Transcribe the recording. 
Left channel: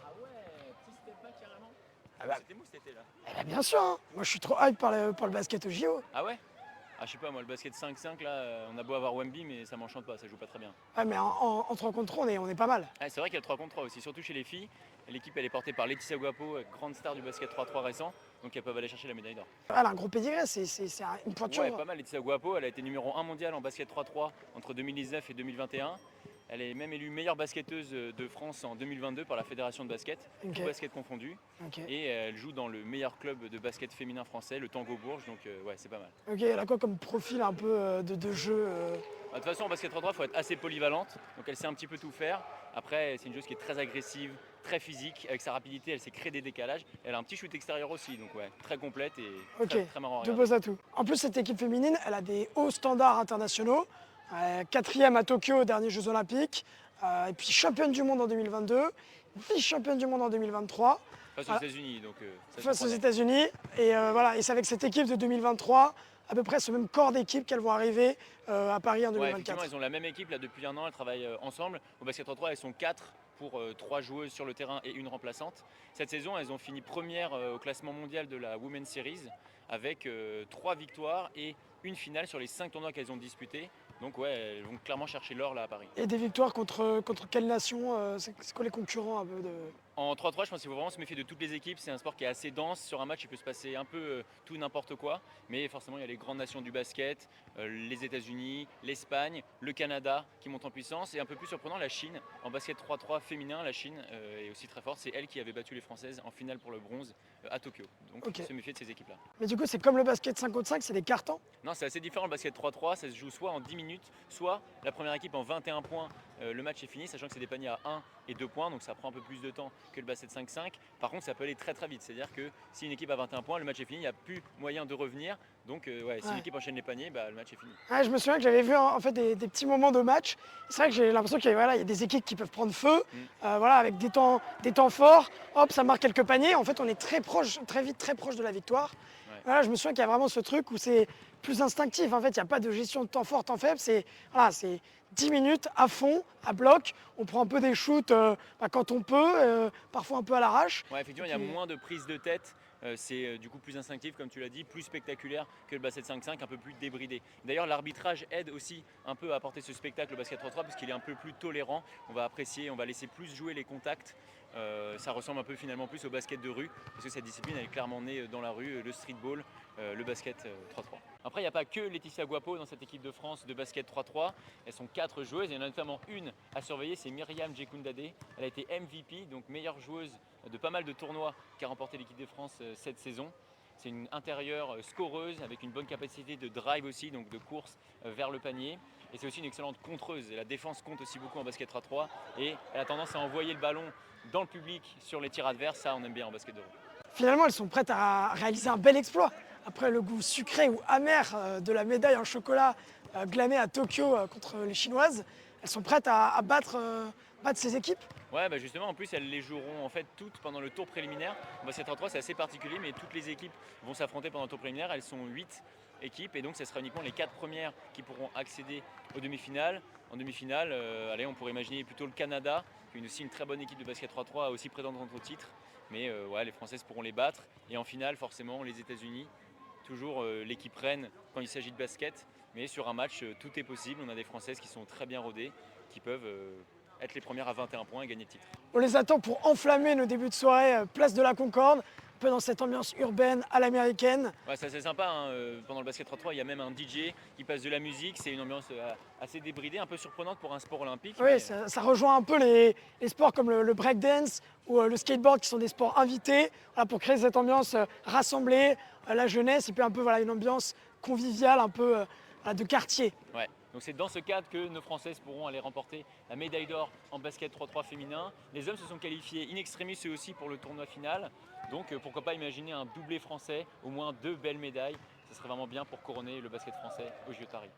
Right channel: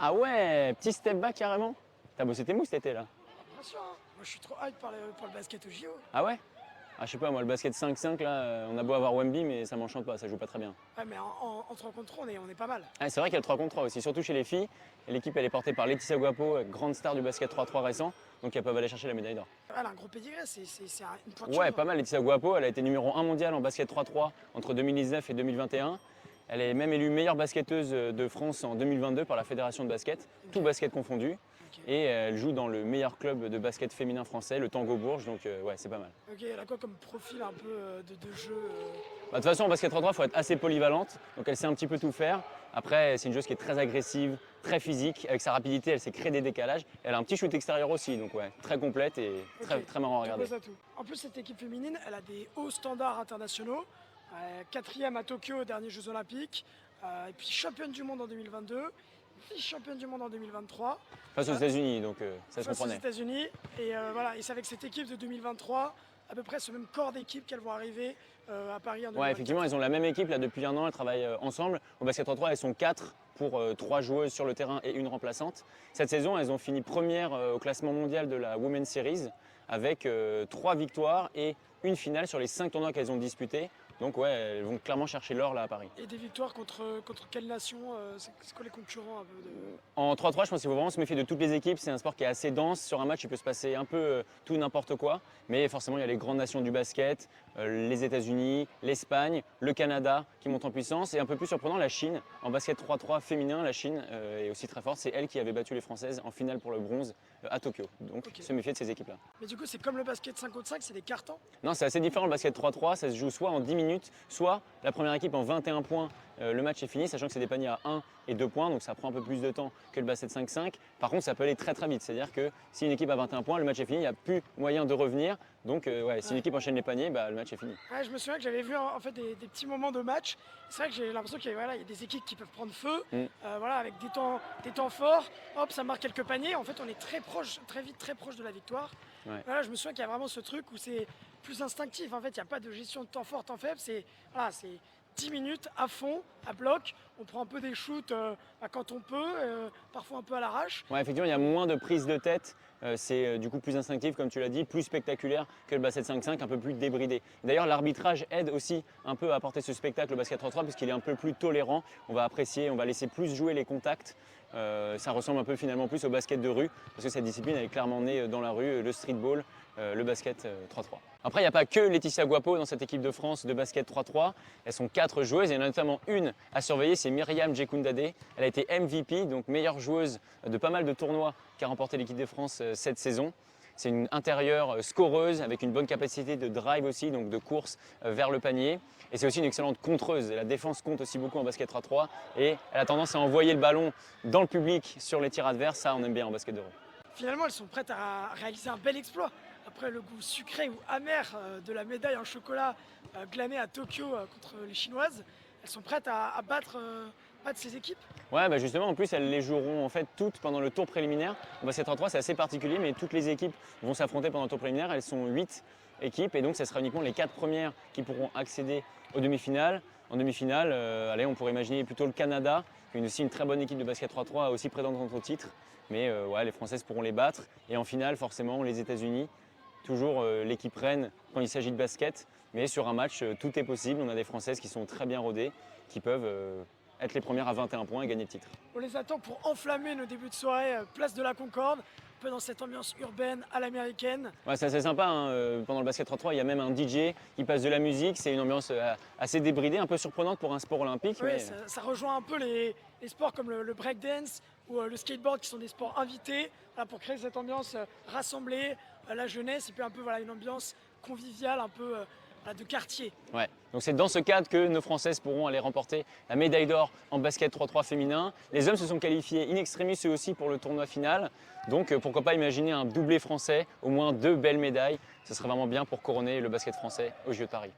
Ah ouais, petit step back carrément. T'as bossé tes moves cet été là. Eh ben, bien sûr, hein. Moi je suis trop hype par le basket au JO. Ah ouais? Ah, je sais pas, moi le basket 5-5 là, on a beau avoir Wemby mais ça m'enchante pas, ça joue pas très bien. Ouais, mais en 3 contre 3, on est pas mal. Ah, c'est vrai qu'il y a le 3 contre 3 aussi, surtout chez les filles. Et l'équipe elle est portée par Laetitia Guapo, grande star du basket 3-3 récent, donc elles peuvent aller chercher la médaille d'or. Elle a un gros pédigré, une pointure. Ouais, pas mal Laetitia Guapo, elle a été numéro 1 mondial en basket 3-3 entre 2019 et 2021. Elle est même élue meilleure basketteuse de France en 2022 par la Fédération de basket, Ok. tout basket confondu. Ok. Et elle joue dans le meilleur club de basket féminin français, le Tango Bourges, donc ouais, c'est pas mal. Ok, elle a quoi comme profil un peu de jeu Bah, de toute façon, en basket 3-3, il faut être assez polyvalente, donc elle sait un petit peu tout faire. Après, c'est une joueuse qui est très agressive, très physique, avec sa rapidité, elle sait créer des décalages. Elle a un petit shoot extérieur aussi, donc ouais, très complète et Ok, très marrant à deux regarder. beaux atouts. En plus, cette équipe féminine, elle a des hauts standards internationaux. 4e à Tokyo aux derniers Jeux Olympiques, et puis championne du monde en 2022, vice-championne du monde en 2023. Face aux États-Unis, donc ça se Face aux comprend. États-Unis. Et voilà, et c'est avec cette équipe de 2023, à peu près ce même corps d'équipe qu'elles vont arriver à Paris en Ouais, 2024. effectivement, elles ont la même équipe là depuis un an, elles travaillent ensemble. Au basket 3-3, elles sont 4 pour 3 joueuses sur le terrain et une remplaçante. Cette saison, elles ont fini première au classement mondial de la Women's Series avec 3 victoires et une finale sur les 5 tournois qu'elles ont disputés. Donc ouais, elles vont clairement chercher l'or là à Paris. Et des victoires contre quelle nation c'est quoi les concurrents un peu de... En 3-3, je pense qu'il faut vraiment se méfier de toutes les équipes. C'est un sport qui est assez dense. Sur un match, il peut se passer un peu tout n'importe quoi. Mais forcément, il y a les grandes nations du basket, les États-Unis, l'Espagne, le Canada qui montent en puissance. Et un peu plus surprenant, la Chine. En basket 3-3 féminin, la Chine est aussi très forte. C'est elle qui avait battu les Françaises en finale pour le bronze à Tokyo. Donc, Ok. se méfier de ces équipes-là. Mais du coup, c'est comme le basket 5 contre 5, c'est des cartons. Non, c'est assez différent le basket 3-3. Ça se joue soit en 10 minutes, soit la première équipe en 21 points. Le match est fini, sachant que c'est des paniers à 1 et 2 points, donc ça prend un peu plus de temps que le basket 5-5. Par contre, ça peut aller très vite. C'est-à-dire que si une équipe a 21 points, le match est fini, il n'y a plus moyen de revenir. Donc, ouais, si une équipe enchaîne les paniers, bah, le match est fini. Ouais, je me souviens que j'avais vu en fait des petits moments de match. C'est vrai que j'ai l'impression qu'il y a, voilà, il y a des équipes qui peuvent prendre feu, voilà, avec des temps forts. Hop, ça marque quelques paniers. En fait, on est très proche, très vite, très proche de la victoire. Ouais. Voilà, je me souviens qu'il y a vraiment ce truc où c'est plus instinctif. En fait, il n'y a pas de gestion de temps fort, temps faible. C'est voilà, 10 minutes à fond, à bloc. On prend un peu des shoots quand on peut, parfois un peu à l'arrache. Ouais, effectivement, il y a moins de prise de tête. C'est du coup plus instinctif, comme tu l'as dit, plus spectaculaire que le basket 5-5, un peu plus débridé. D'ailleurs, l'arbitrage aide aussi un peu à apporter ce spectacle au basket 3-3 parce qu'il est un peu plus tolérant. On va apprécier, on va laisser plus jouer les contacts. Ça ressemble un peu finalement plus au basket de rue parce que cette discipline elle est clairement née dans la rue, le streetball, le basket 3-3. Après, il n'y a pas que Laetitia Guapo dans cette équipe de France de basket 3-3. Elles sont 4 joueuses. Il y en a notamment une à surveiller, c'est Myriam Djekundade. Elle a été MVP, donc meilleure joueuse de pas mal de tournois qu'a remporté l'équipe de France cette saison. C'est une intérieure scoreuse avec une bonne capacité de drive aussi, donc de course vers le panier. Et c'est aussi une excellente contreuse. Et la défense compte aussi beaucoup en basket 3-3. Et elle a tendance à envoyer le ballon dans le public sur les tirs adverses. Ça, on aime bien en basket de rue. Finalement, elles sont prêtes à réaliser un bel exploit. Après le goût sucré ou amer de la médaille en chocolat glanée à Tokyo contre les Chinoises, elles sont prêtes à battre ces équipes. Ouais, bah justement, en plus, elles les joueront en fait toutes pendant le tour préliminaire. Bon, basket 3-3, c'est assez particulier, mais toutes les équipes vont s'affronter pendant le tour préliminaire. Elles sont 8 équipes et donc, ça sera uniquement les 4 premières qui pourront accéder aux demi-finales. En demi-finale, allez, on pourrait imaginer plutôt le Canada, qui est aussi une très bonne équipe de basket 3-3, aussi prétendante au titre. Mais ouais, les Françaises pourront les battre. Et en finale, forcément, les États-Unis. Toujours l'équipe reine quand il s'agit de basket, mais sur un match, tout est possible. On a des Françaises qui sont très bien rodées, qui peuvent être les premières à 21 points et gagner le titre. On les attend pour enflammer nos débuts de soirée, place de la Concorde, un peu dans cette ambiance urbaine à l'américaine. Ouais, c'est assez sympa, hein. Pendant le basket 3-3, il y a même un DJ qui passe de la musique, c'est une ambiance assez débridée, un peu surprenante pour un sport olympique. Oui, Mais... ça rejoint un peu les sports comme le breakdance ou le skateboard qui sont des sports invités voilà, pour créer cette ambiance rassemblée, la jeunesse et puis un peu voilà, une ambiance conviviale, un peu de quartier. Ouais. Donc c'est dans ce cadre que nos Françaises pourront aller remporter la médaille d'or en basket 3-3 féminin. Les hommes se sont qualifiés in extremis eux aussi pour le tournoi final. Donc pourquoi pas imaginer un doublé français, au moins 2 belles médailles. Ce serait vraiment bien pour couronner le basket français aux Jeux de Paris.